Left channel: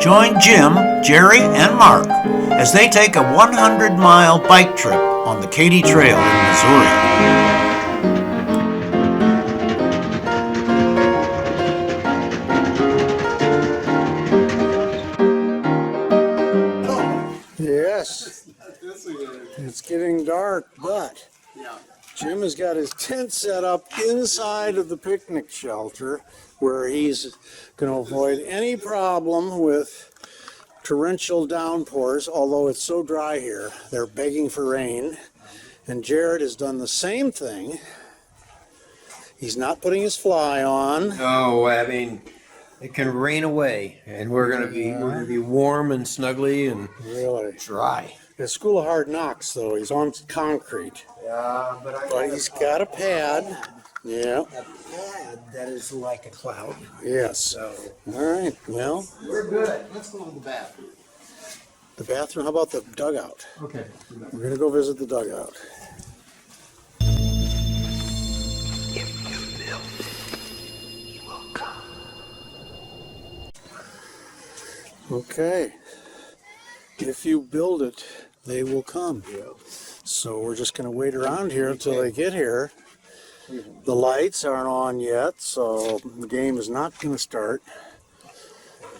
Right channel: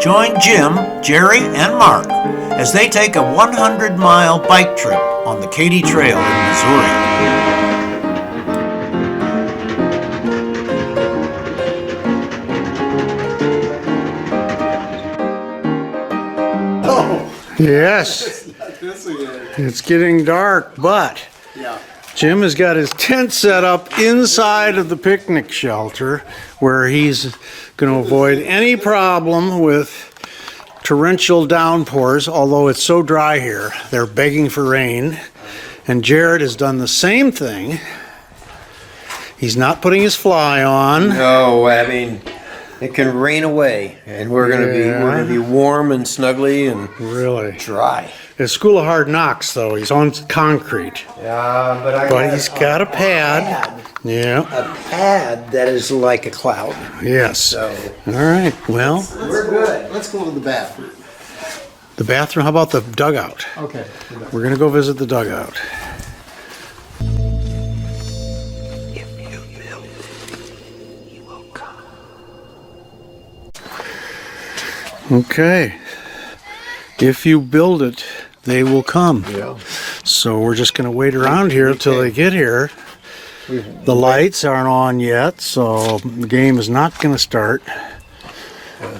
Join Jim, Jerry, and Mark as they take a 100-mile bike trip on the KATY Trail in Missouri. Yes, it's getting dark, but Jim has got his tent set up inside of the picnic shelter where he's going to avoid any problem with torrential downpours, although it's so dry here. They're begging for rain. And Jared has done the same thing. He's not putting his fly on. No, I mean, it can rain away, and we're gonna be warm and snuggly and really dry. It's School of Hard Knocks, though. He's on concrete. But he's got a pad. Yeah. A pad that is like a cloud. Yes. So. All right. Well, We're good. Let's go to the bathroom. The bathroom. How about the dugout? Okay. We're gonna go visit the dugout. If you build it, he will come. Okay. If you build it, they will come. Yeah. So we're just going to wait around here until they get here. The lights aren't on yet, so the game is not going to start.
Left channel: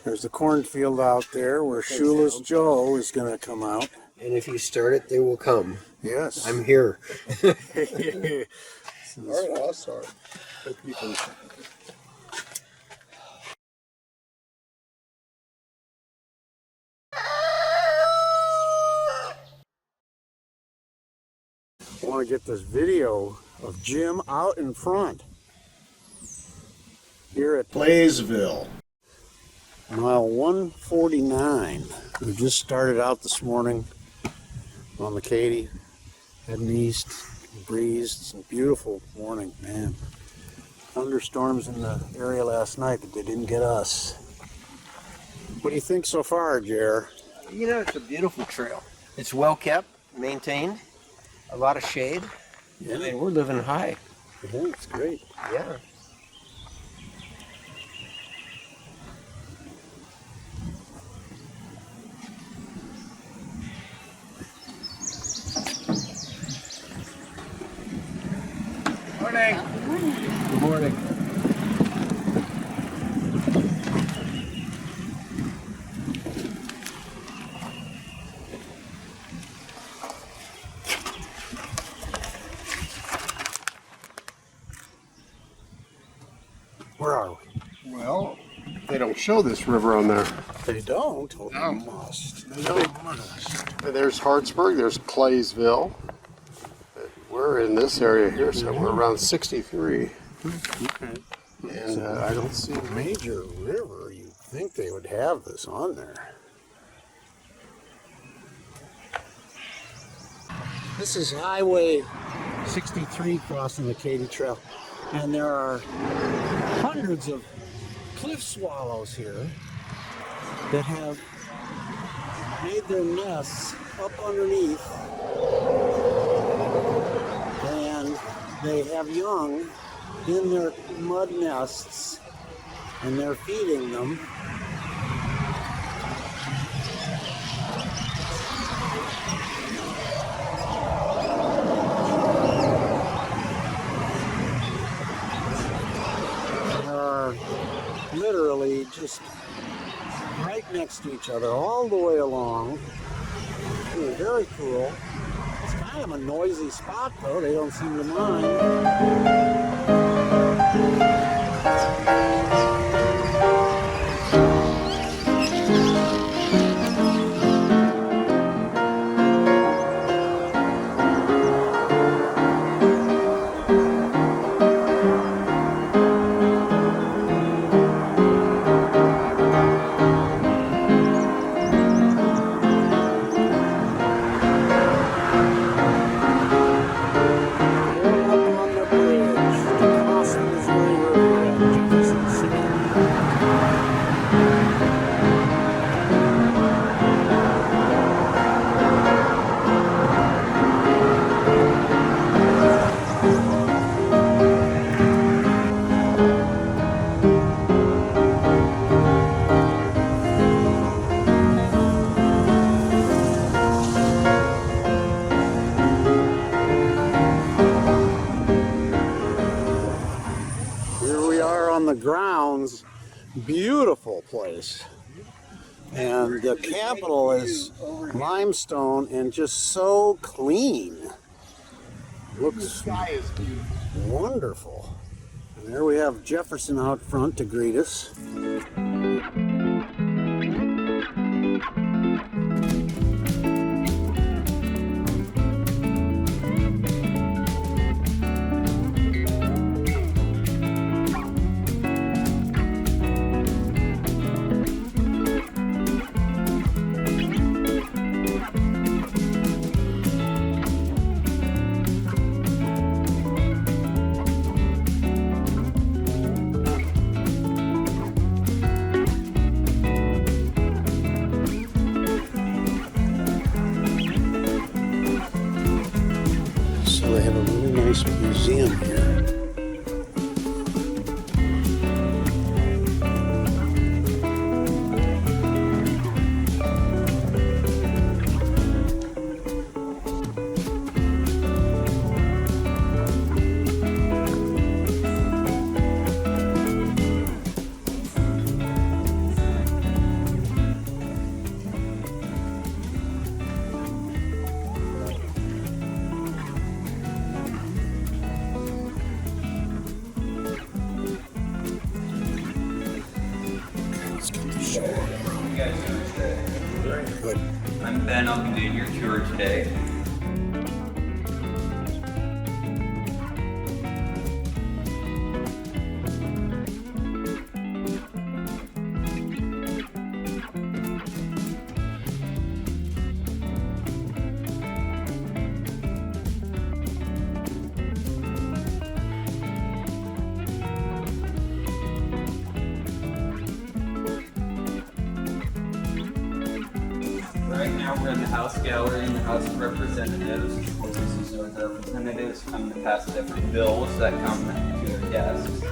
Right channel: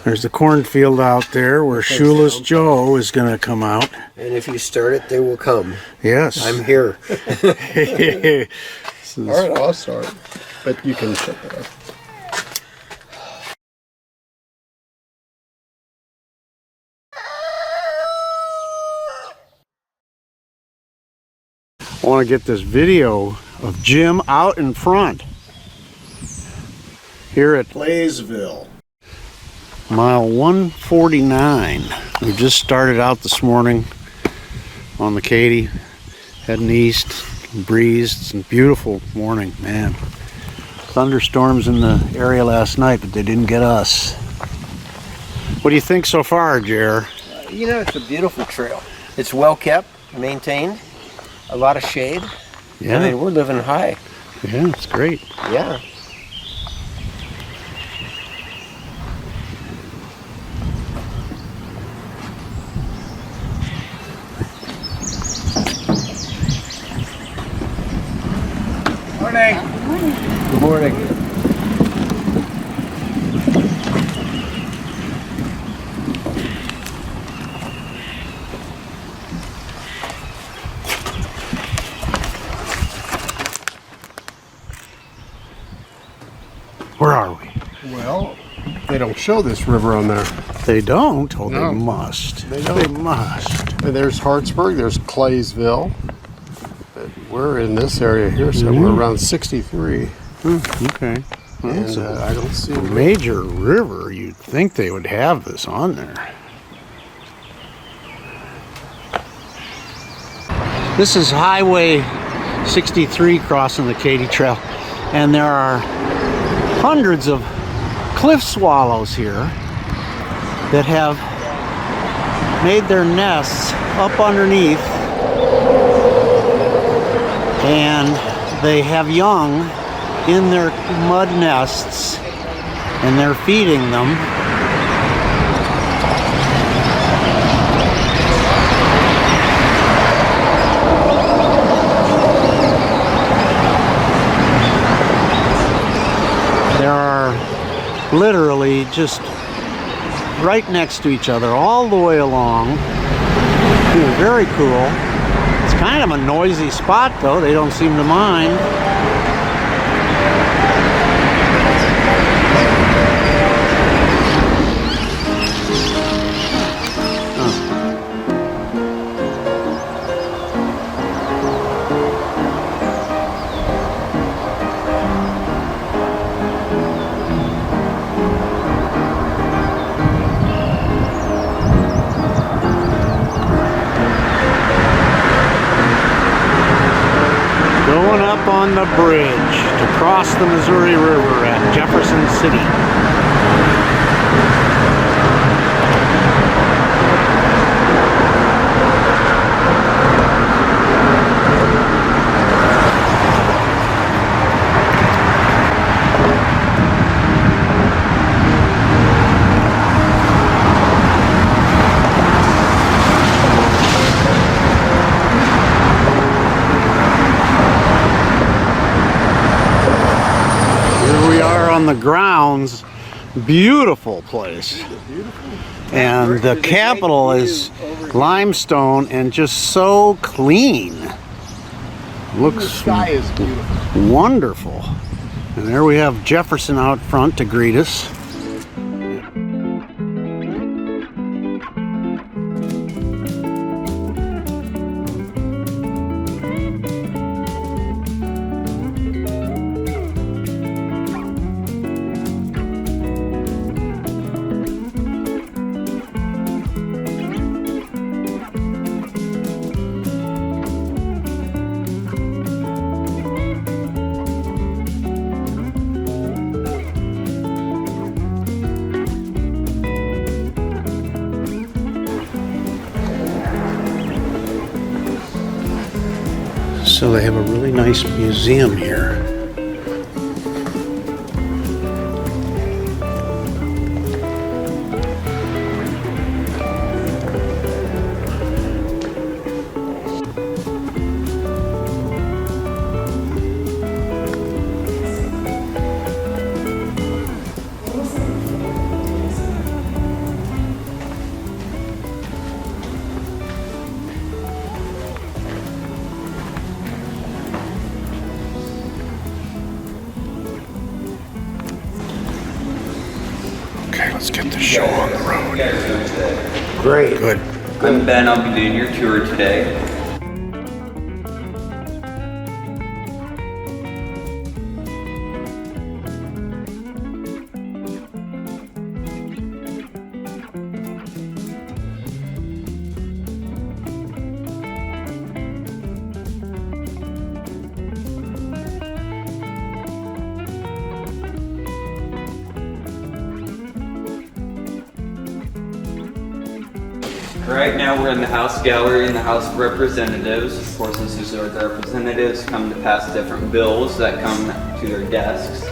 There's the cornfield out there where Shoeless Joe is going to come out. And if you start it, they will come. Yes. I'm here. All right, I'll start. But you can shut that up. I want to get this video of Jim out in front here at Blaisville. mile 149. We just started out this morning on the KATY, heading east, breeze. It's a beautiful morning, man. Thunderstorms in the area last night, but they didn't get us. What do you think so far, Jer? You know, it's a beautiful trail. It's well kept, maintained, a lot of shade. Yeah. I mean, we're living high. Yeah, it's great. Yeah. Morning. Good morning. Where are we? Well, they don't show this river on there. They don't? Oh, No. they must. They don't. They must. And there's Hartsburg, there's Claysville. And we're in this area here, so we're around 63. Okay. Well, And it's a I don't see major river. You'd think they would have this on there. This is Highway 63 crossing the KATY Trail, and there are hundreds of cliff swallows here that have made their nests up underneath, and they have young in their mud nests, and they're feeding them. Literally just right next to each other all the way along. Very cool. It's kind of a noisy spot though. They don't seem to mind. Going up on the bridge. towns. Beautiful place. And the Capitol is limestone and just so clean. Looks The sky is beautiful. wonderful. And there we have Jefferson out front to greet us. So they have a really nice museum here. Okay, let's get the show on the road. Great. Good. I'm Ben, I'll be doing your tour today. Right now we're in the House Gallery in the House of Representatives. Of course, this is where the representatives come to pass different bills that come to their desks.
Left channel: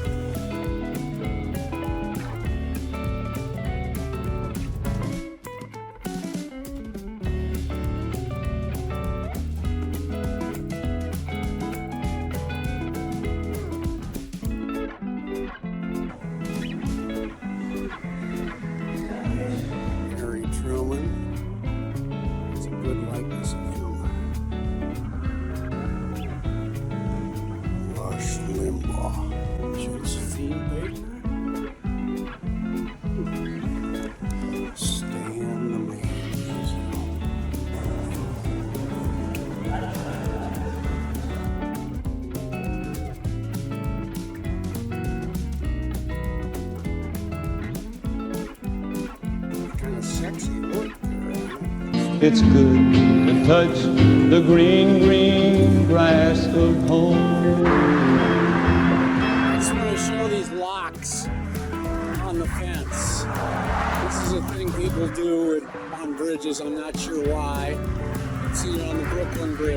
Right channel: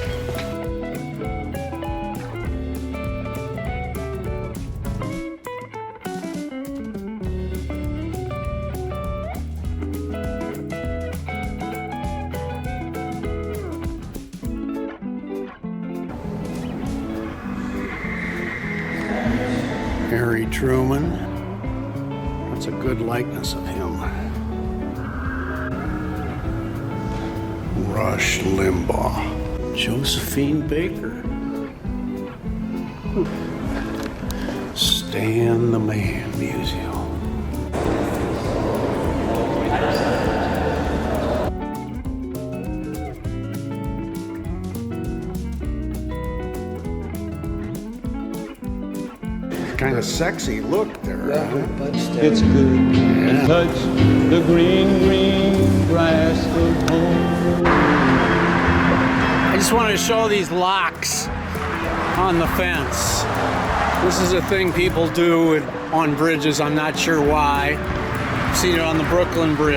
Truman. That's a good likeness of him. Rush Limbaugh. Josephine Baker. Stan the Man Museum. Kind of sexy look there. It's good to touch the green, green grass of home. I just want to show these locks on the fence. This is a thing people do on bridges. I'm not sure why. I've seen it on the Brooklyn Bridge.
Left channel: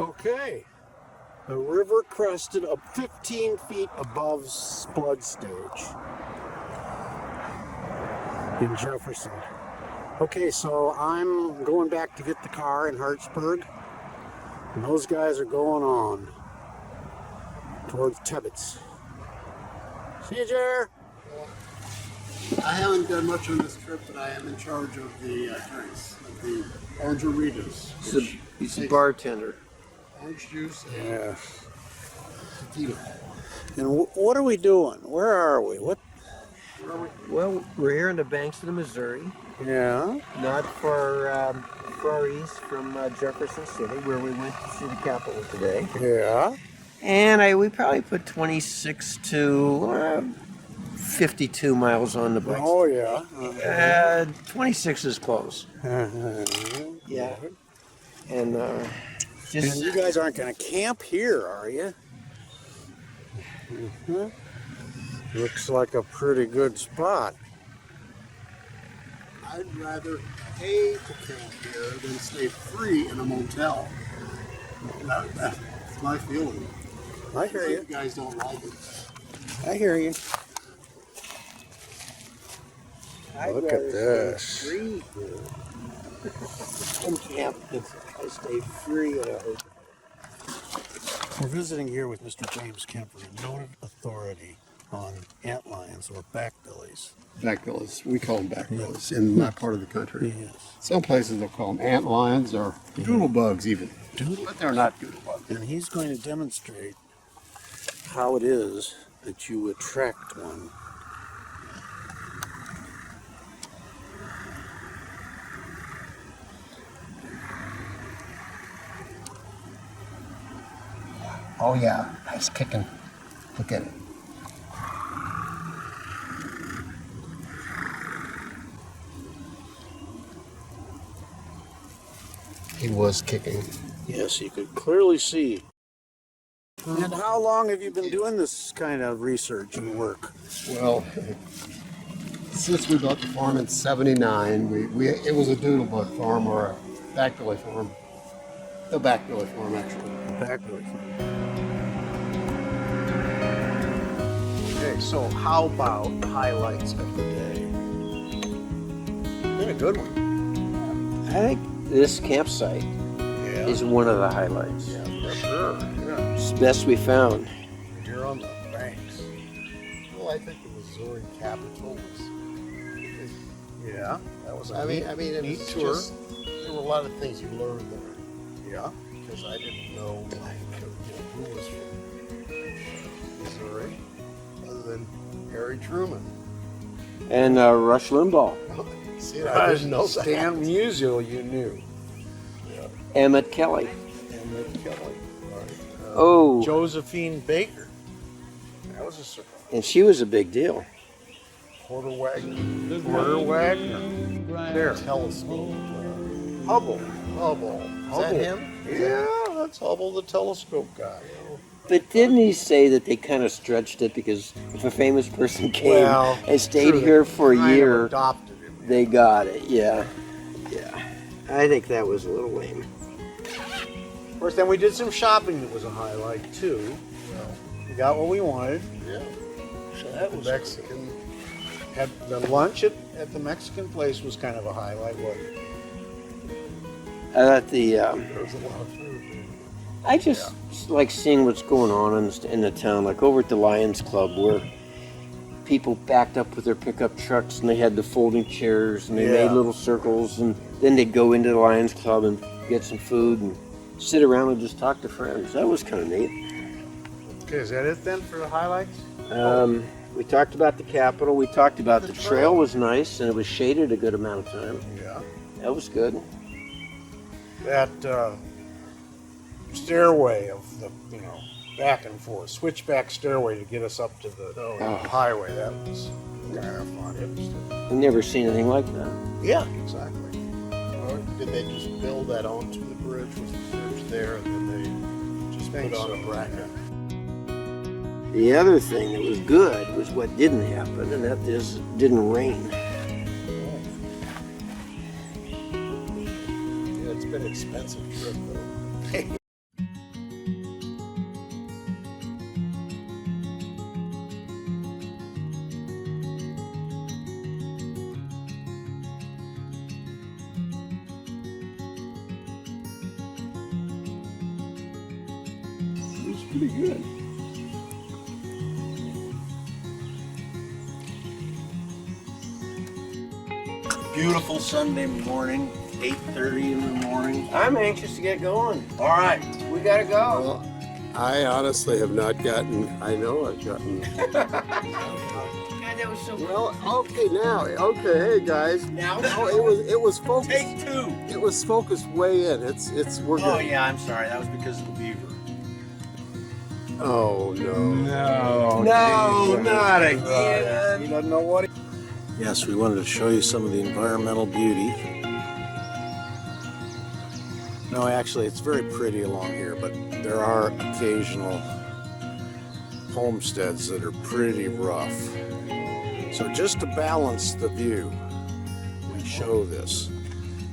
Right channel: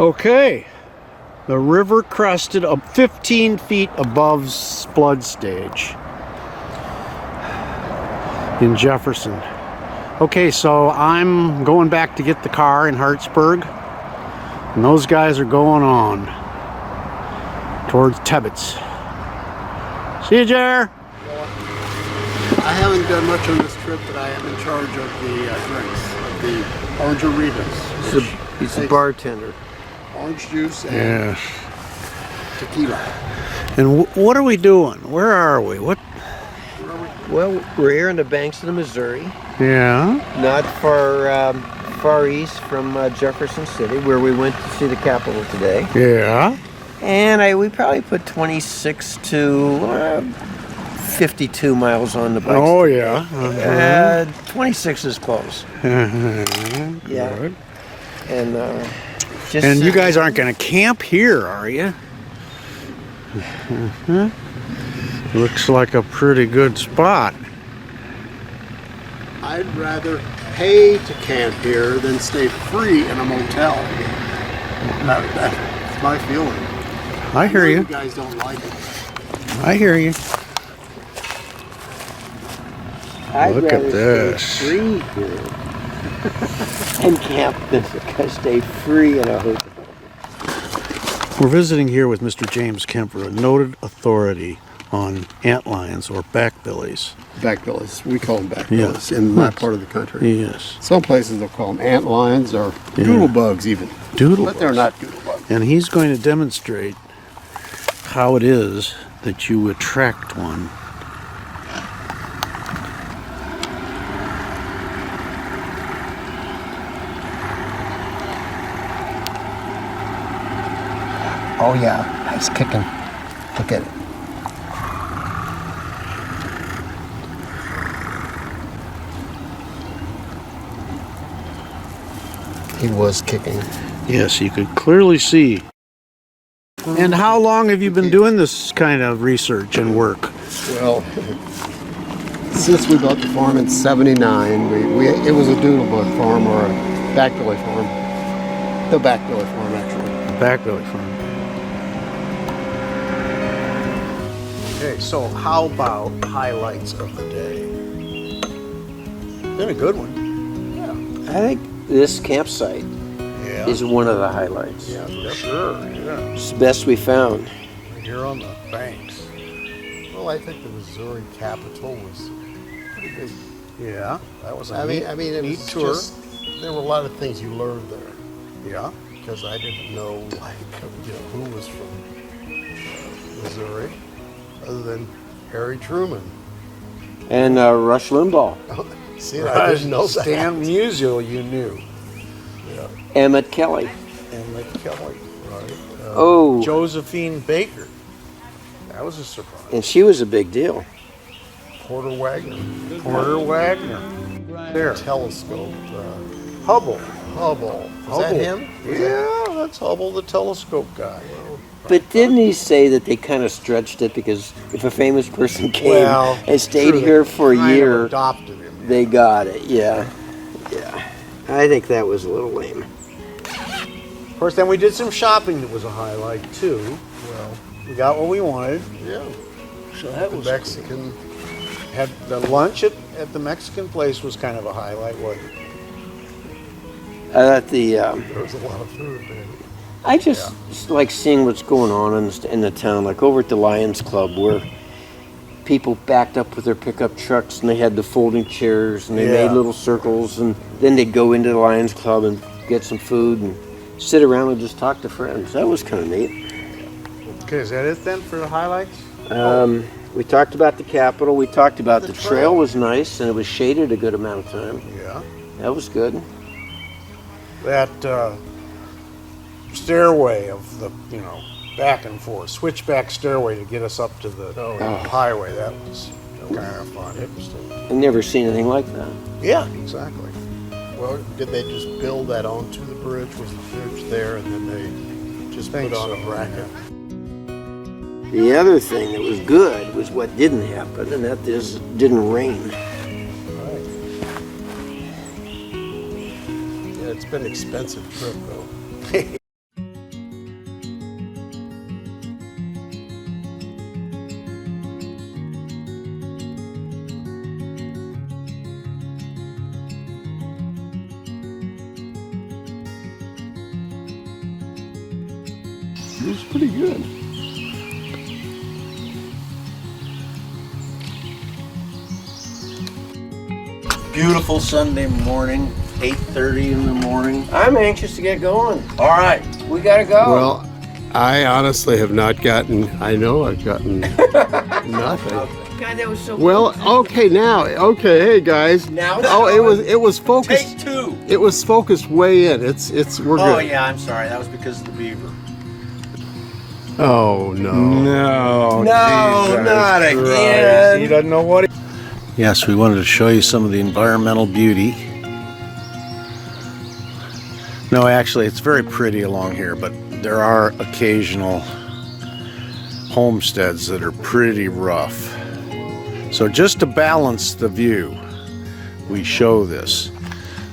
Okay, the river crested up 15 feet above flood stage in Jefferson. Okay, so I'm going back to get the car in Hartsburg, and those guys are going on towards Tebbets. See you, Jar. I haven't done much on this trip, but I am in charge of the drinks, of the orange Ritas. He's a bartender. Orange juice and tequila. And what are we doing? Where are we? What? Well, we're here on the banks of the Missouri, Yeah. not far far east from Jefferson City, where we went to see the Capitol today. Yeah. And we probably put 26 to 52 miles on the bikes. Oh, yeah. 26 is close. Yeah. Good. And And you guys aren't going to camp here, are you? Looks like a pretty good spot. I'd rather pay to camp here than stay free in a motel. That's my feeling. I hear you. You guys don't like it. I hear you. I'd Look at rather this. stay free here and camp than stay free in a hotel. We're visiting here with Mr. James Kemper, a noted authority on antlions or backbillies. Backbillies. We call them backbillies in my part of the country. Yes. Some places they'll call them antlions or doodlebugs even. Doodle. But they're not doodlebugs. And he's going to demonstrate how it is that you attract one. Oh yeah, nice kicking. Look at it. He was kicking. Yes, you could clearly see. And how long have you been doing this kind of research and work? Well, since we bought the farm in '79, it was a doodlebug farm or a backbilly farm. The backbilly farm, actually. Backbilly farm. Okay, so how about highlights of the day? Been a good one. I think this campsite Yeah. is one of the highlights. Yeah, for sure. Yeah. It's the best we found. Here on the banks. Well, I think the Missouri Capitol was pretty good. Yeah, that was a I mean, it neat was tour. just, there were a lot of things you learned there Yeah. because I didn't know, who was from Missouri other than Harry Truman. And Rush Limbaugh, See, I didn't know that. Stan Musial, you knew. Emmett Kelly. And Kelly. Right. Oh, Josephine Baker. That was a surprise. and she was a big deal. Porter Wagner. Porter Wagner. There. Telescope. Hubble. Hubble. Is Hubble. that him? Yeah, that's Hubble, the telescope guy. But didn't he say that they kind of stretched it because if a famous person came Well, and stayed true, here they for a kind of year, adopted him. they got it? Yeah, yeah. I think that was a little lame. Of course, then we did some shopping that was a highlight too. Well, We got what we wanted. yeah. So that The was Mexican. Had the lunch at the Mexican place was kind of a highlight, wasn't it? I thought There was a lot of food there. I just like seeing what's going on in the town, like over at the Lions Club where people backed up with their pickup trucks and they had the folding chairs and they Yeah. made little circles and then they'd go into the Lions Club and get some food and sit around and just talk to friends. That was kind of neat. Okay, is that it then for the highlights? We talked about the Capitol. We talked about the trail was nice and it was shaded a good amount of time. Yeah. That was good. That stairway of the, back and forth, switchback stairway to get us up to the highway, that was kind of fun. Interesting. I've never seen anything like that. Yeah, exactly. Well, did they just build that onto the bridge? Was the bridge there and then they just Think put on so, a bracket? The other thing that was good was what didn't happen, and that is it didn't rain. Right. Yeah, it's been an expensive trip though. It was pretty good. Beautiful Sunday morning, 8:30 in the morning. I'm anxious to get going. All right. We gotta go. Well, I honestly have not gotten, I know I've gotten nothing. God, that was so. Well, okay, hey guys. Now it's Oh, going. it was focused. Take two. It was focused way in. We're Oh good. yeah, I'm sorry. That was because of the beaver. Oh no. No, not He again. doesn't know what. Yes, we wanted to show you some of the environmental beauty. No, actually, it's very pretty along here, but there are occasional homesteads that are pretty rough. So just to balance the view, we show this.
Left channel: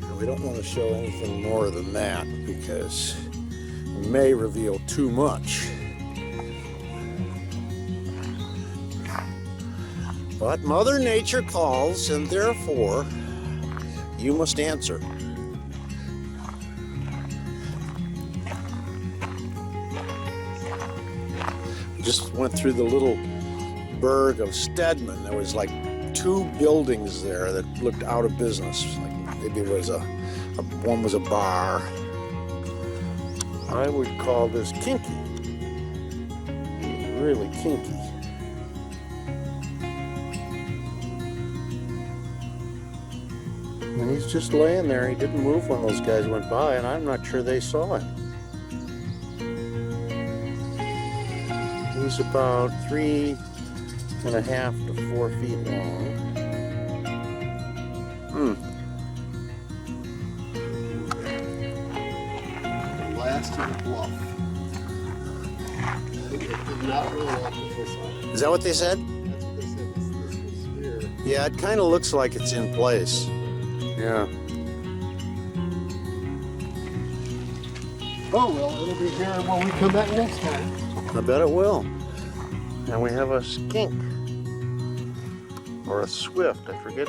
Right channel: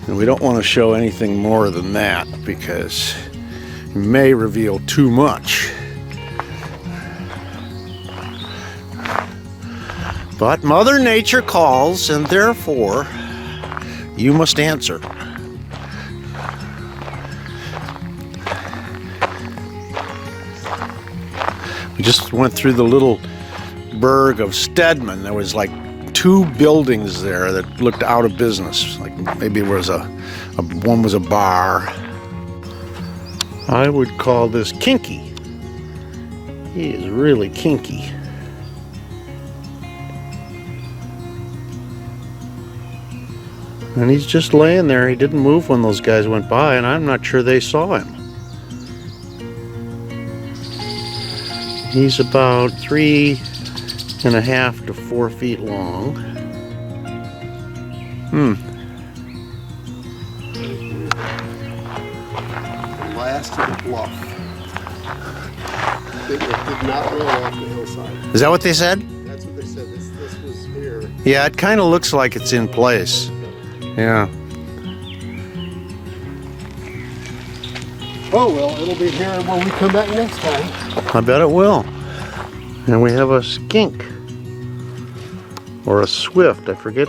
And we don't want to show anything more than that because it may reveal too much. But Mother Nature calls, and therefore you must answer. We just went through the little burg of Stedman. There was like 2 buildings there that looked out of business. Like maybe it was one was a bar. I would call this kinky. He is really kinky. And he's just laying there. He didn't move when those guys went by, and I'm not sure they saw him. He's about 3.5 to 4 feet long. Last of the bluff. It did not roll off the hillside. Is that what they said? That's what they said. This was here. Yeah, it kind of looks like it's in place. Yeah. Oh, well, it'll be here when we come back next time. I bet it will. And we have a skink. Or a swift, I forget.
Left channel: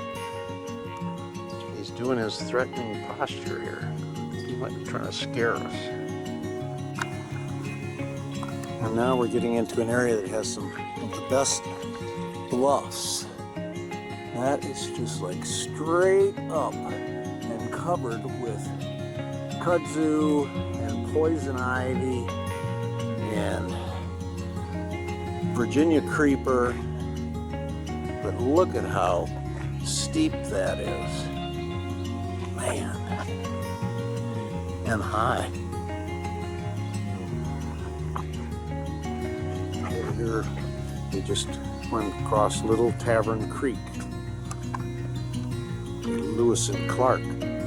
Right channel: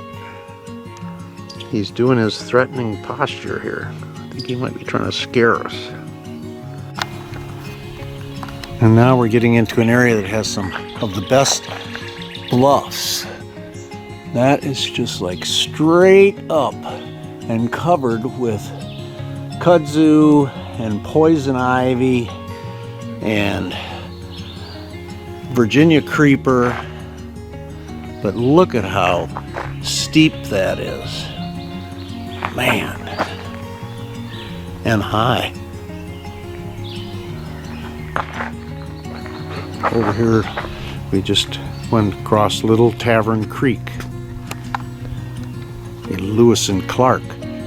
He's doing his threatening posture here. I think he might be trying to scare us. And now we're getting into an area that has some of the best bluffs. That is just like straight up and covered with kudzu and poison ivy and Virginia creeper. But look at how steep that is. Man. And high. Over here, we just went across Little Tavern Creek. The Lewis and Clark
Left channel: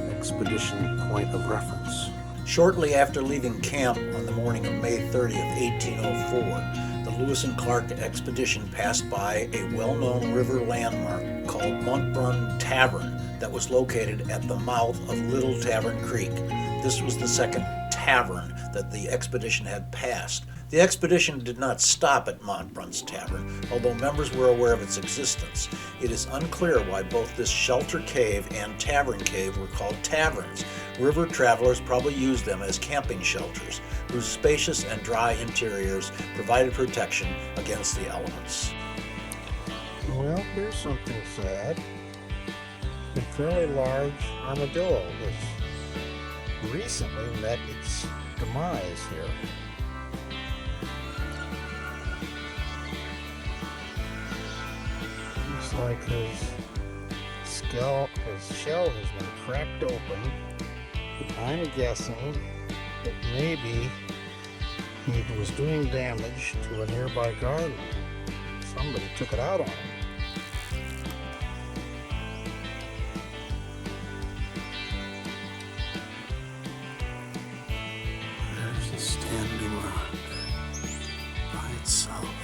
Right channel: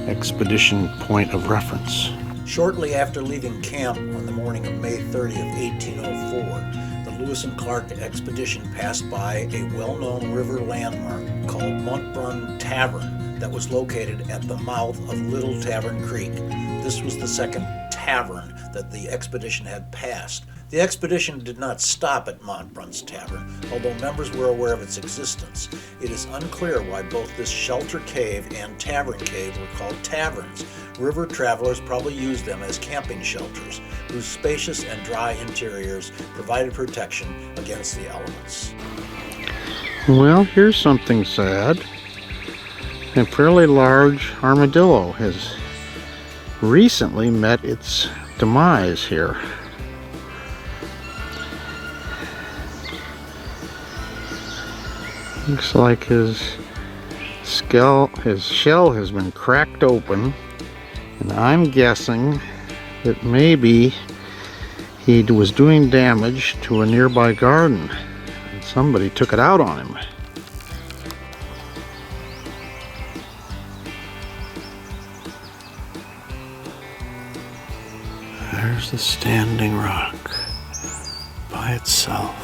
expedition point of reference. Shortly after leaving camp on the morning of May 30th, 1804, the Lewis and Clark expedition passed by a well-known river landmark called Montbrun Tavern that was located at the mouth of Little Tavern Creek. This was the second tavern that the expedition had passed. The expedition did not stop at Montbrun's Tavern, although members were aware of its existence. It is unclear why both this shelter cave and tavern cave were called taverns. River travelers probably used them as camping shelters, whose spacious and dry interiors provided protection against the elements. Well, here's something sad. A fairly large armadillo has recently met its demise here. Looks like his shell has been cracked open, and I'm guessing that maybe he was doing damage to a nearby garden. Somebody took it out on him. There's the standing rock by itself.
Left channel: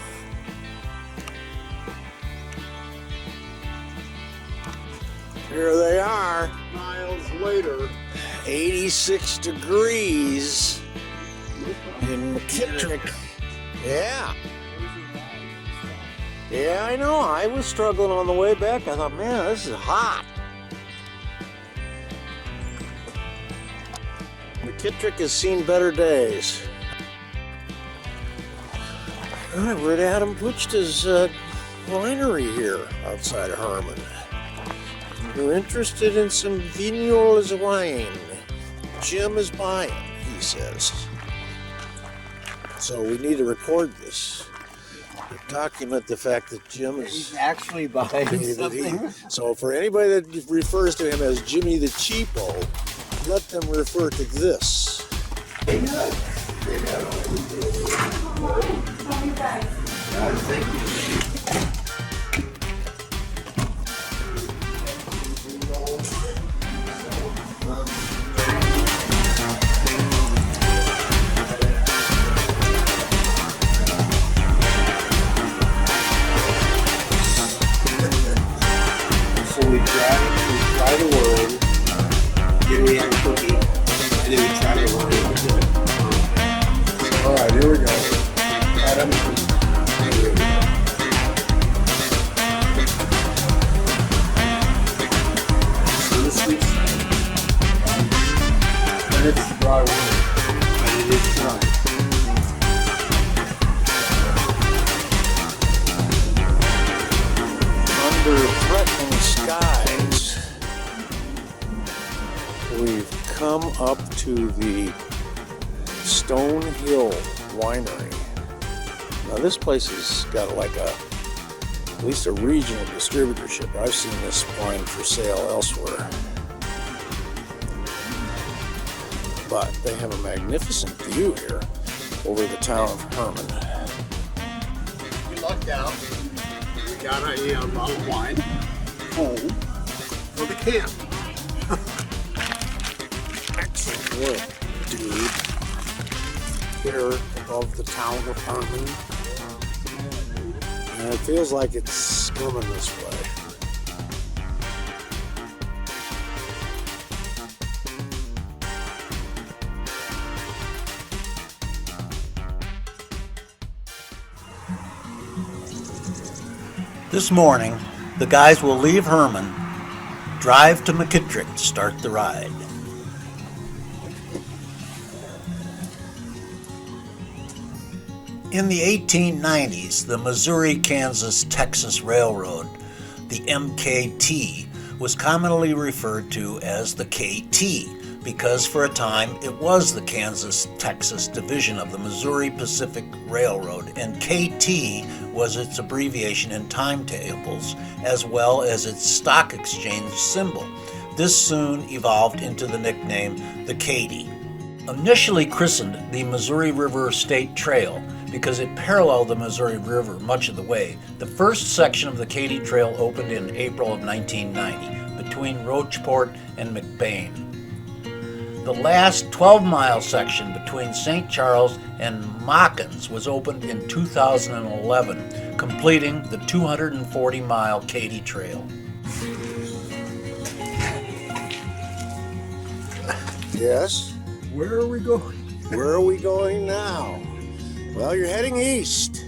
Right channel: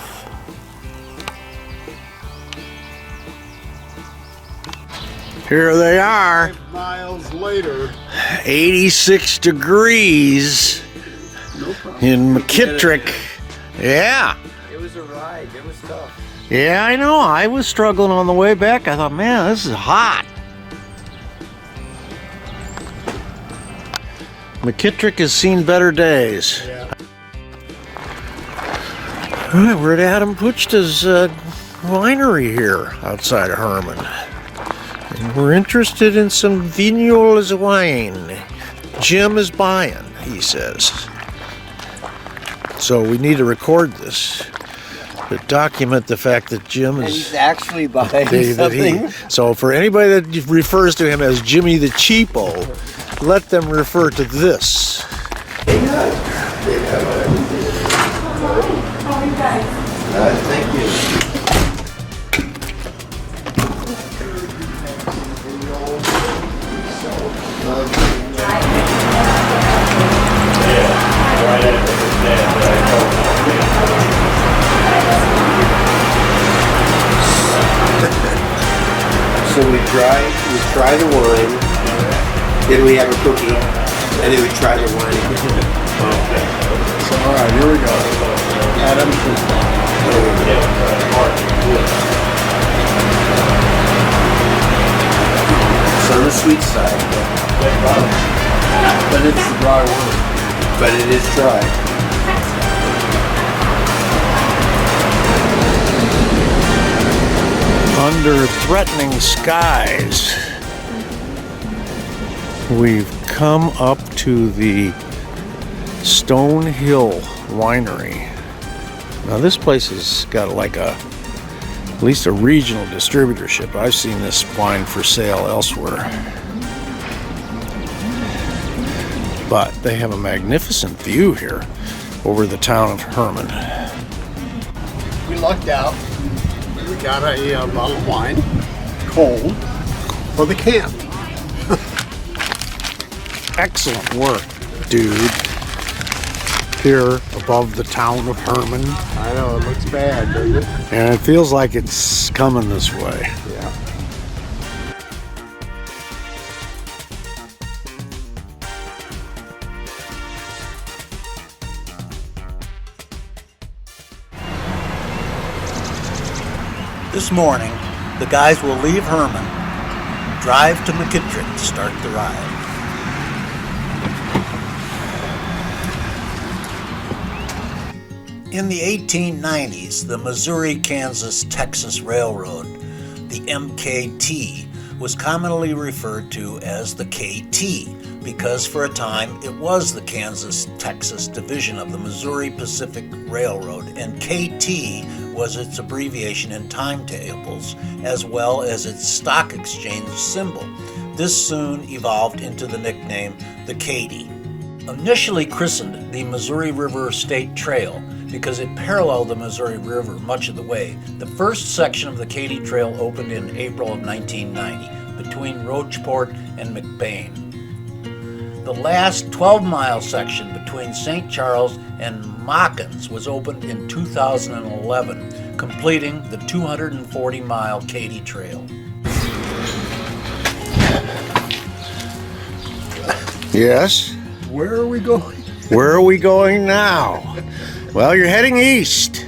Here they are. 5 miles later. 86 degrees No problem. in McKittrick. Yeah. It was a ride. It was tough. Yeah, I know. I was struggling on the way back. I thought, man, this is hot. McKittrick has seen better days. All right, we're at Adam Puchta's winery here outside of Herman. And we're interested in some Vignoles wine. Jim is buying, he says. So we need to record this to document the fact that Jim And is... he's actually buying something. So for anybody that refers to him as Jimmy the Cheapo, let them refer to this. Thank you. So we try the wine, then we have a cookie, and then we try the wine again. Okay. So, all right, here we go. Adam. It's on the sweet side, But it's the dry wine. but it is dry. Under threatening skies, we've come up to the Stone Hill Winery. Now this place has got like at least a regional distributorship. I've seen this wine for sale elsewhere. But they have a magnificent view here over the town of Herman. We lucked out. We got a bottle of wine, cold, for the camp. Excellent work, dude. Here above the town of Herman. I know, it looks bad, doesn't it? And it feels like it's coming this way. Yeah. This morning, the guys will leave Herman, drive to McKittrick to start the ride. In the 1890s, the Missouri-Kansas-Texas Railroad, the MKT, was commonly referred to as the KT because for a time it was the Kansas-Texas division of the Missouri Pacific Railroad, and KT was its abbreviation in timetables as well as its stock exchange symbol. This soon evolved into the nickname the KATY. Initially christened the Missouri River State Trail because it paralleled the Missouri River much of the way, the first section of the KATY Trail opened in April of 1990 between Rocheport and McBain. The last 12-mile section between St. Charles and Mockins was opened in 2011, completing the 240-mile KATY Trail. Yes? Where are we going? Where are we going now? Well, you're heading east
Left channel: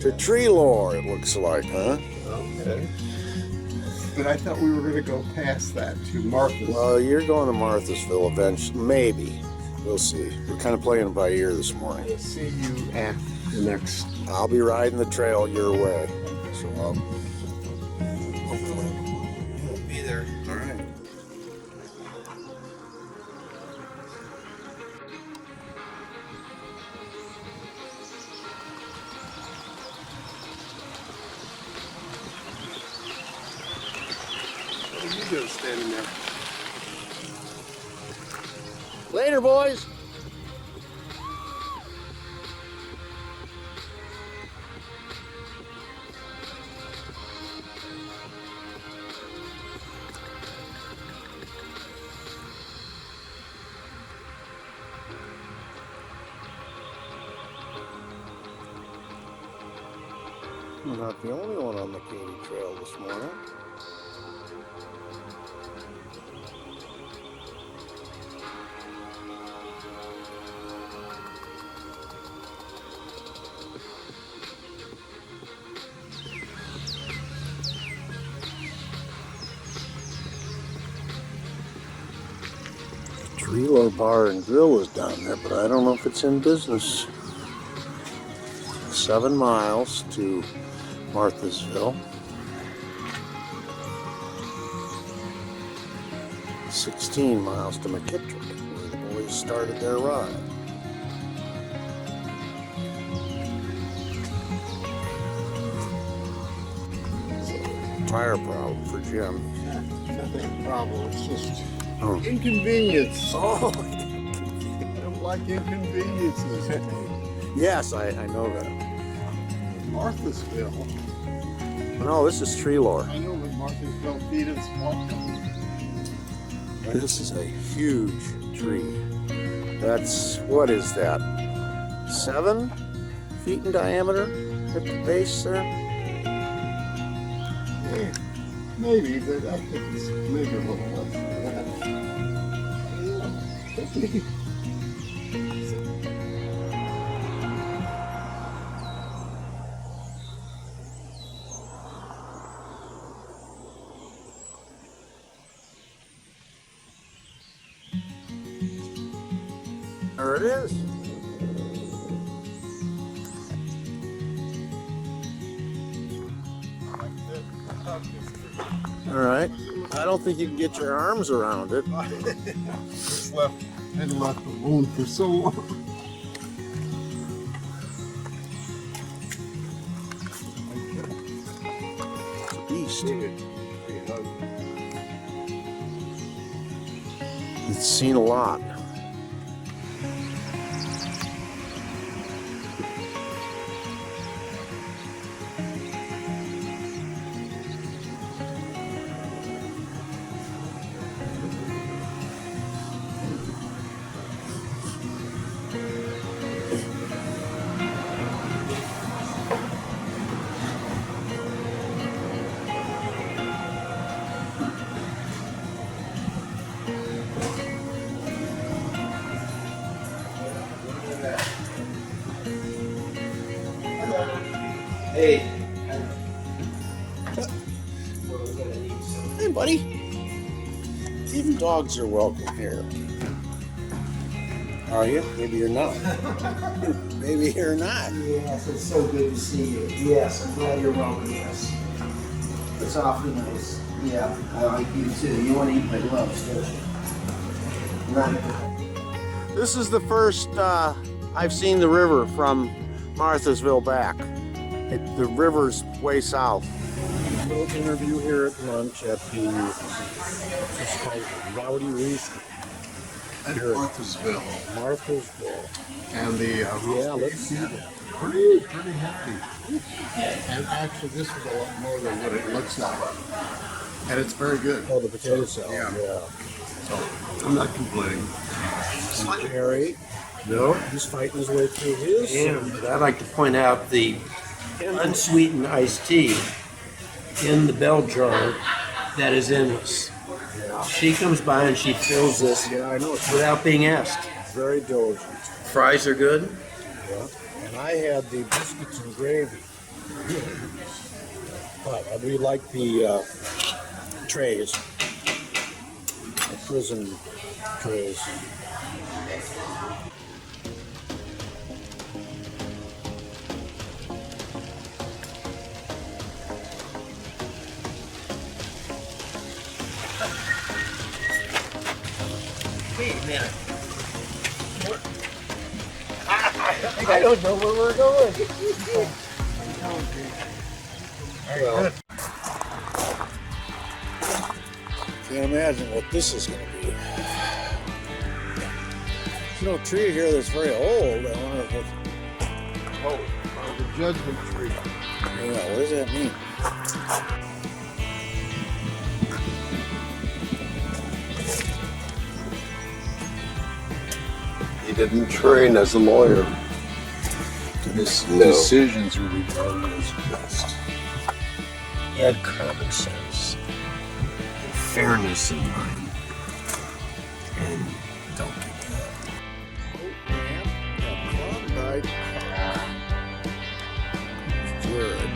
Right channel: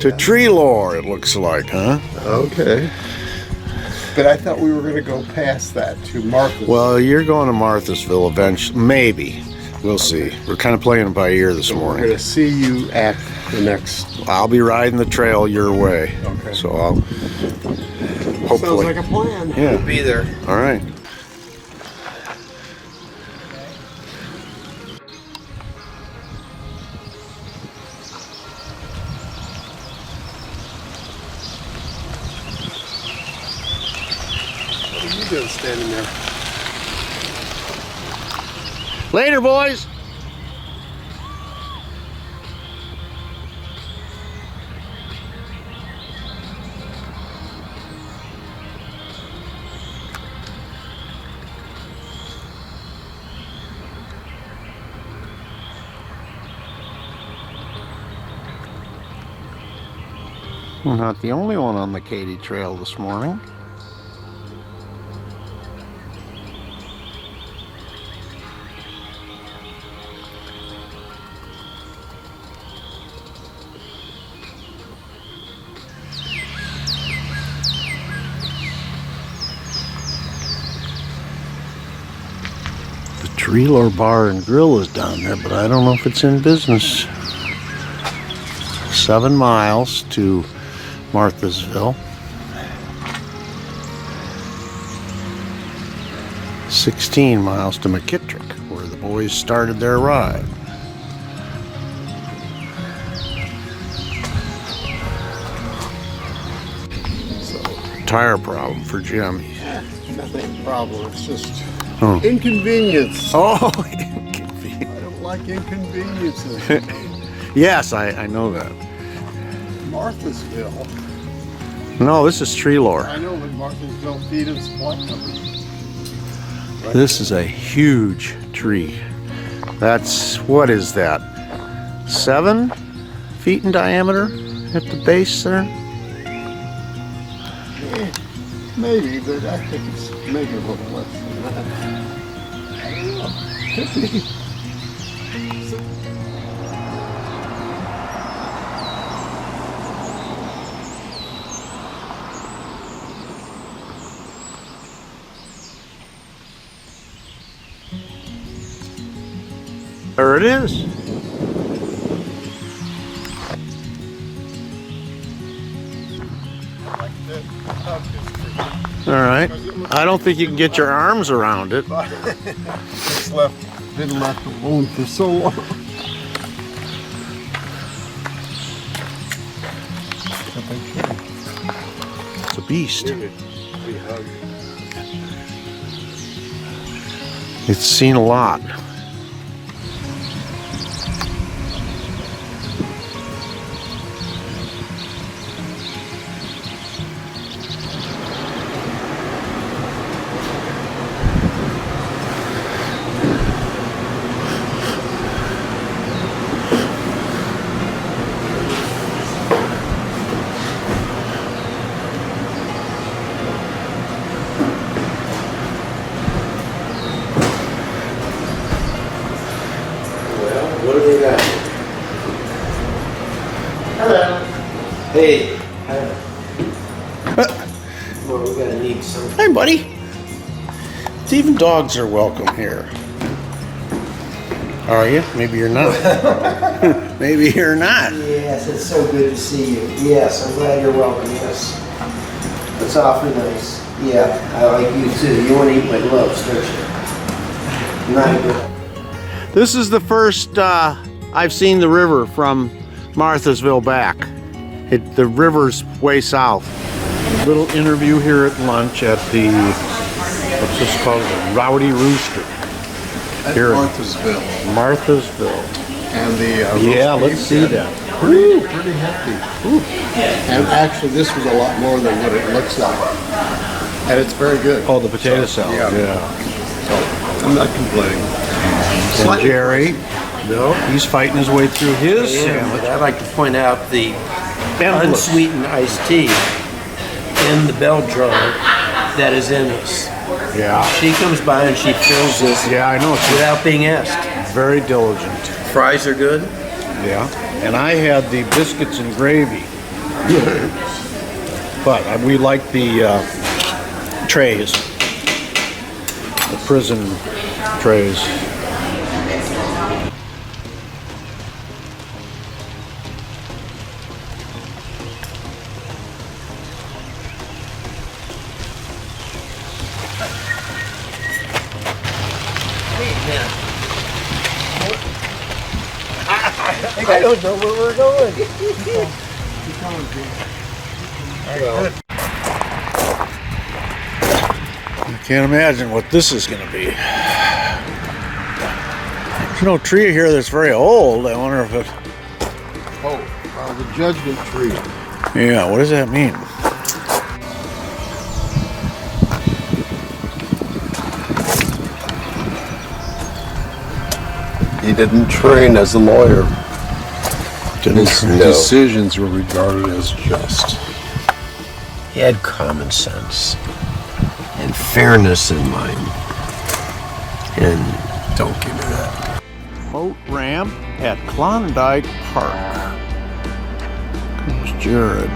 to Treelor, it looks like, huh? Okay. But I thought we were going to go past that to Martha's. Well, you're going to Marthasville eventually. Maybe. We'll see. We're kind of playing it by ear this We're morning. going to see you at the next. I'll be riding the trail your way. Okay. So I'll hopefully. Sounds like a plan. Yeah. Be there. All right. What are you doing standing there? Later, boys. We're not the only one on the KATY Trail this morning. The Treelor Bar and Grill is down there, but I don't know if it's in business. 7 miles to Marthasville. 16 miles to McKittrick, where the boys started their ride. Tire problem for Jim. Nothing problem. It's just Oh. inconvenience. Oh, I don't like inconveniences. yes, I know that. Marthasville. No, this is Treelor. I know, but Marthasville feed us what number? This is a huge tree. That's, what is that? 7 feet in diameter at the base there? Maybe, but I think it's maybe a little less than that. I don't know. Could be. There it is. All right. I don't think you can get your arms around it. It's been left alone for so long. If I can. It's a beast. We hug. It's seen a lot. What do they got? Hey. Well, we gotta need some. Hi, buddy. Even dogs are welcome here. Are you? Maybe you're not. Maybe you're not. Yes, it's so good to see you. Yes, I'm glad you're welcoming us. It's awfully nice. Yeah, I like you too. You want to eat my gloves, don't you? Not good. This is the first I've seen the river from Marthasville back. The river's way south. Little interview here at lunch at the, what's this called? The Rowdy Rooster. At Here. Marthasville. Marthasville. And the Yeah, roast let's beef, see that. Pretty hefty. And actually, this was a lot more than what it looks like. And it's very good. Oh, the potato salad. Yeah. So I'm not complaining. And Jerry, No. he's fighting his way through his Yeah, sandwich. but I'd like to point out the And look, unsweetened iced tea in the bell jar that is in this. yeah, She comes by and she fills this yeah, I know. It's without being asked. very diligent. Fries are good. Yeah. And I had the biscuits and gravy. But we like the trays, the prison trays. Wait a minute. I don't know where we're going. Well, You can't imagine what this is going to be. There's no tree here that's very old. I wonder if it. Oh, the judgment tree. Yeah, what does that mean? He didn't train as a lawyer. His No. decisions were regarded as just. he had common sense and fairness in mind. And Don't give me that. Boat ramp at Klondike Park. Comes Jared.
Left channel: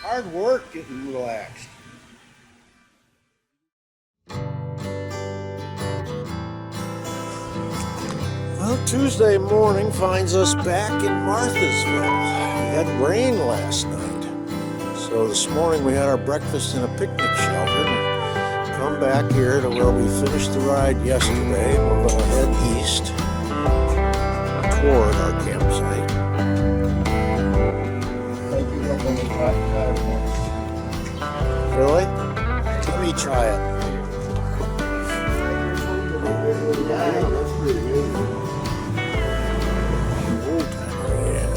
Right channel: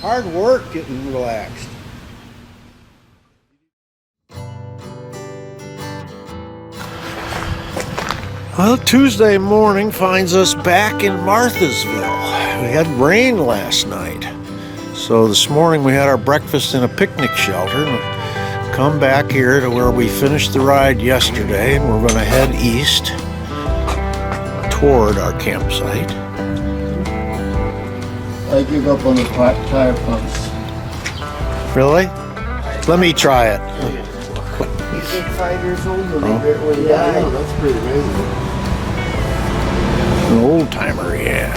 Hard work getting relaxed. Well, Tuesday morning finds us back in Marthasville. We had rain last night. So this morning we had our breakfast in a picnic shelter. Come back here to where we finished the ride yesterday. We're going to head east toward our campsite. I give up on the tire pumps. Really? Let me try it. he's 5 years old when he died. That's pretty amazing. An old timer, yeah.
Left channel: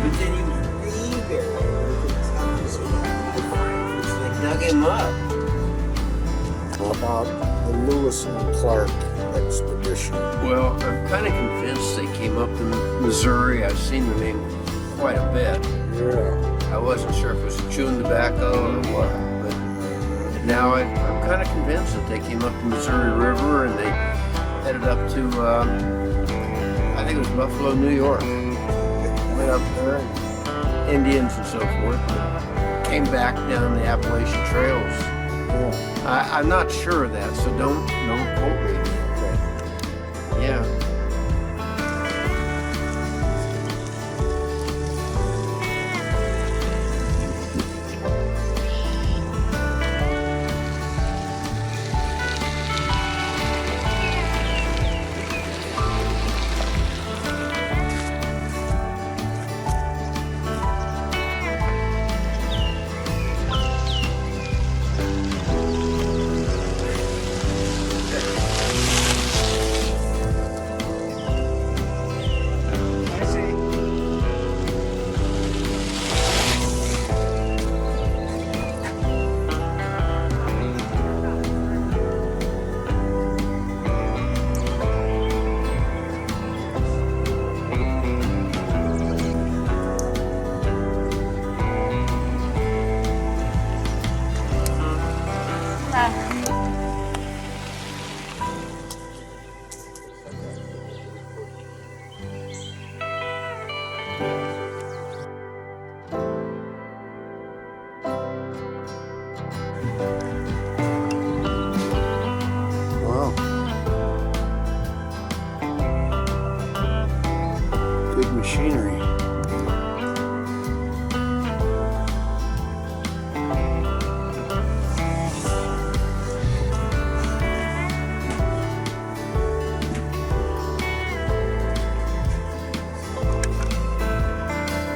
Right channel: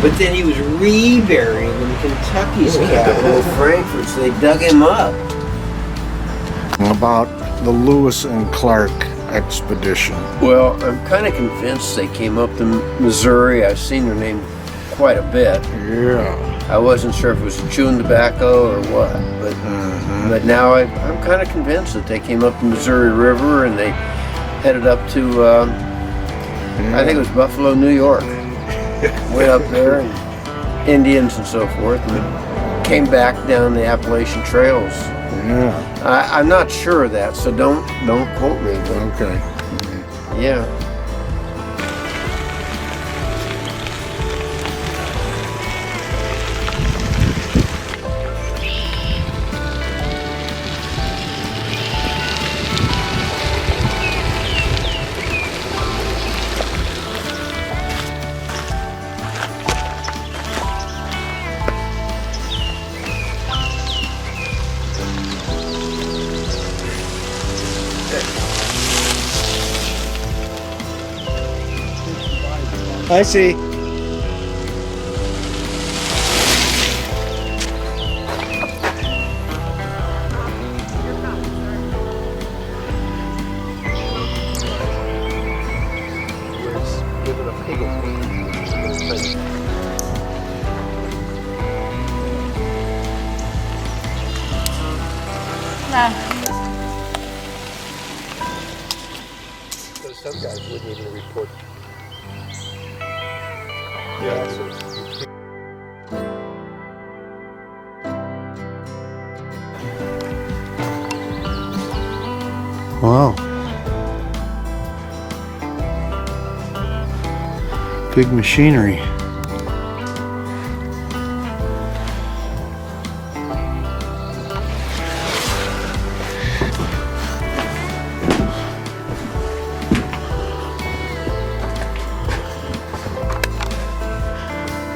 But then he was reburied in Kentucky's capital, Frankfurt, so they dug him up. About the Lewis and Clark expedition. Well, I'm kind of convinced they came up to Missouri. I've seen their name quite a bit. Yeah. I wasn't sure if it was chewing tobacco or what, but now I'm kind of convinced that they came up the Missouri River and they headed up to, I think it was Buffalo, New York. Went up there, and Indians and so forth, and came back down the Appalachian trails. I'm not sure of that, so don't quote me. But Okay. yeah. I see. Some guys wouldn't even report. Wow. Big machinery.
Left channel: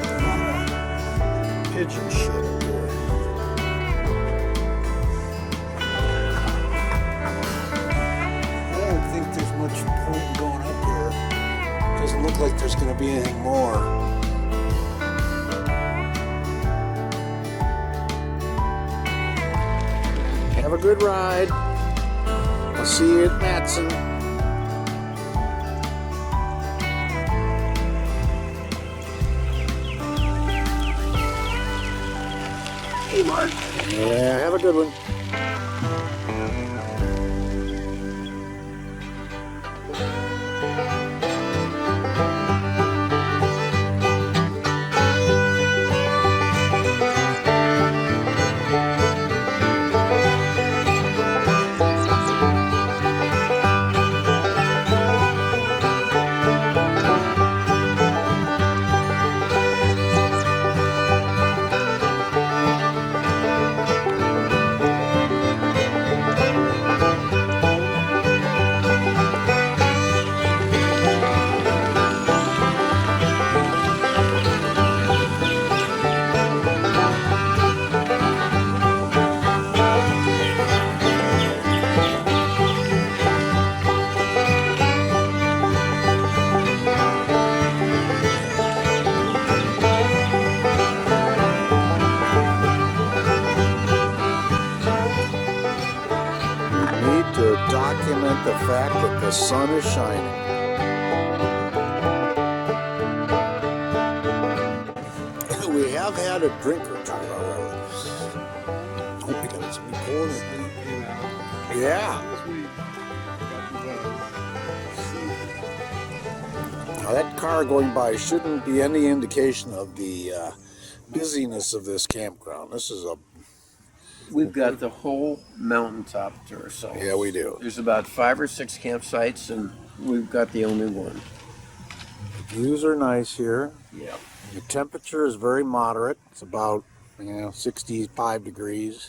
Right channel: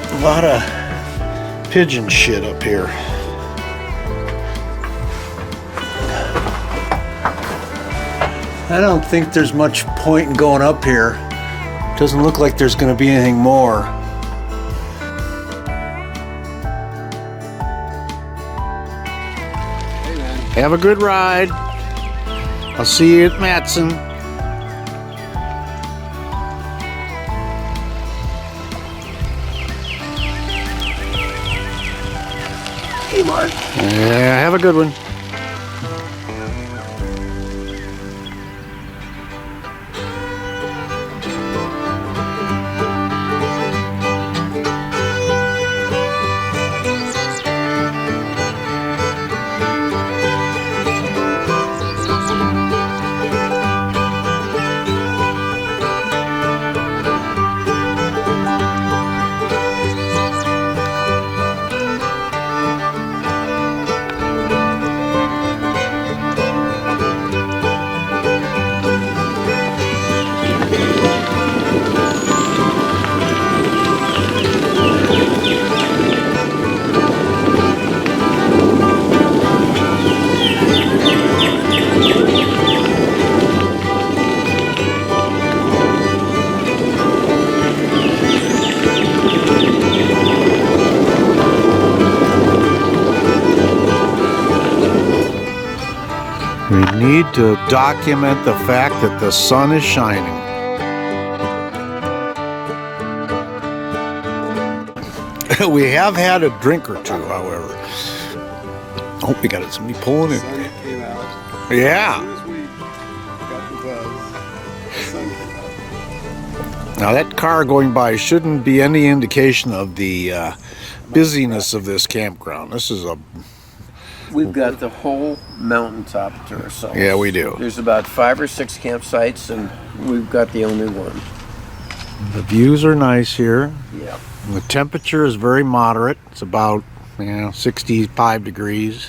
A lot of pigeon shit up here. I don't think there's much point in going up here. Doesn't look like there's going to be anything more. Have a good ride. I'll see you at Matson. Hey, Mark. Yeah, have a good one. We need to document the fact that the sun is shining. We have had a drink or two, however. Oh, we got somebody pulling in. Sun came out. Yeah. As soon as we got the buzz, the sun came out. Now that car going by shouldn't be any indication of the busyness of this campground. This is a... We've got the whole mountaintop to ourselves. Yeah, we do. There's about 5 or 6 campsites, and we've got the only one. The views are nice here. Yeah. The temperature is very moderate. It's about 65 degrees.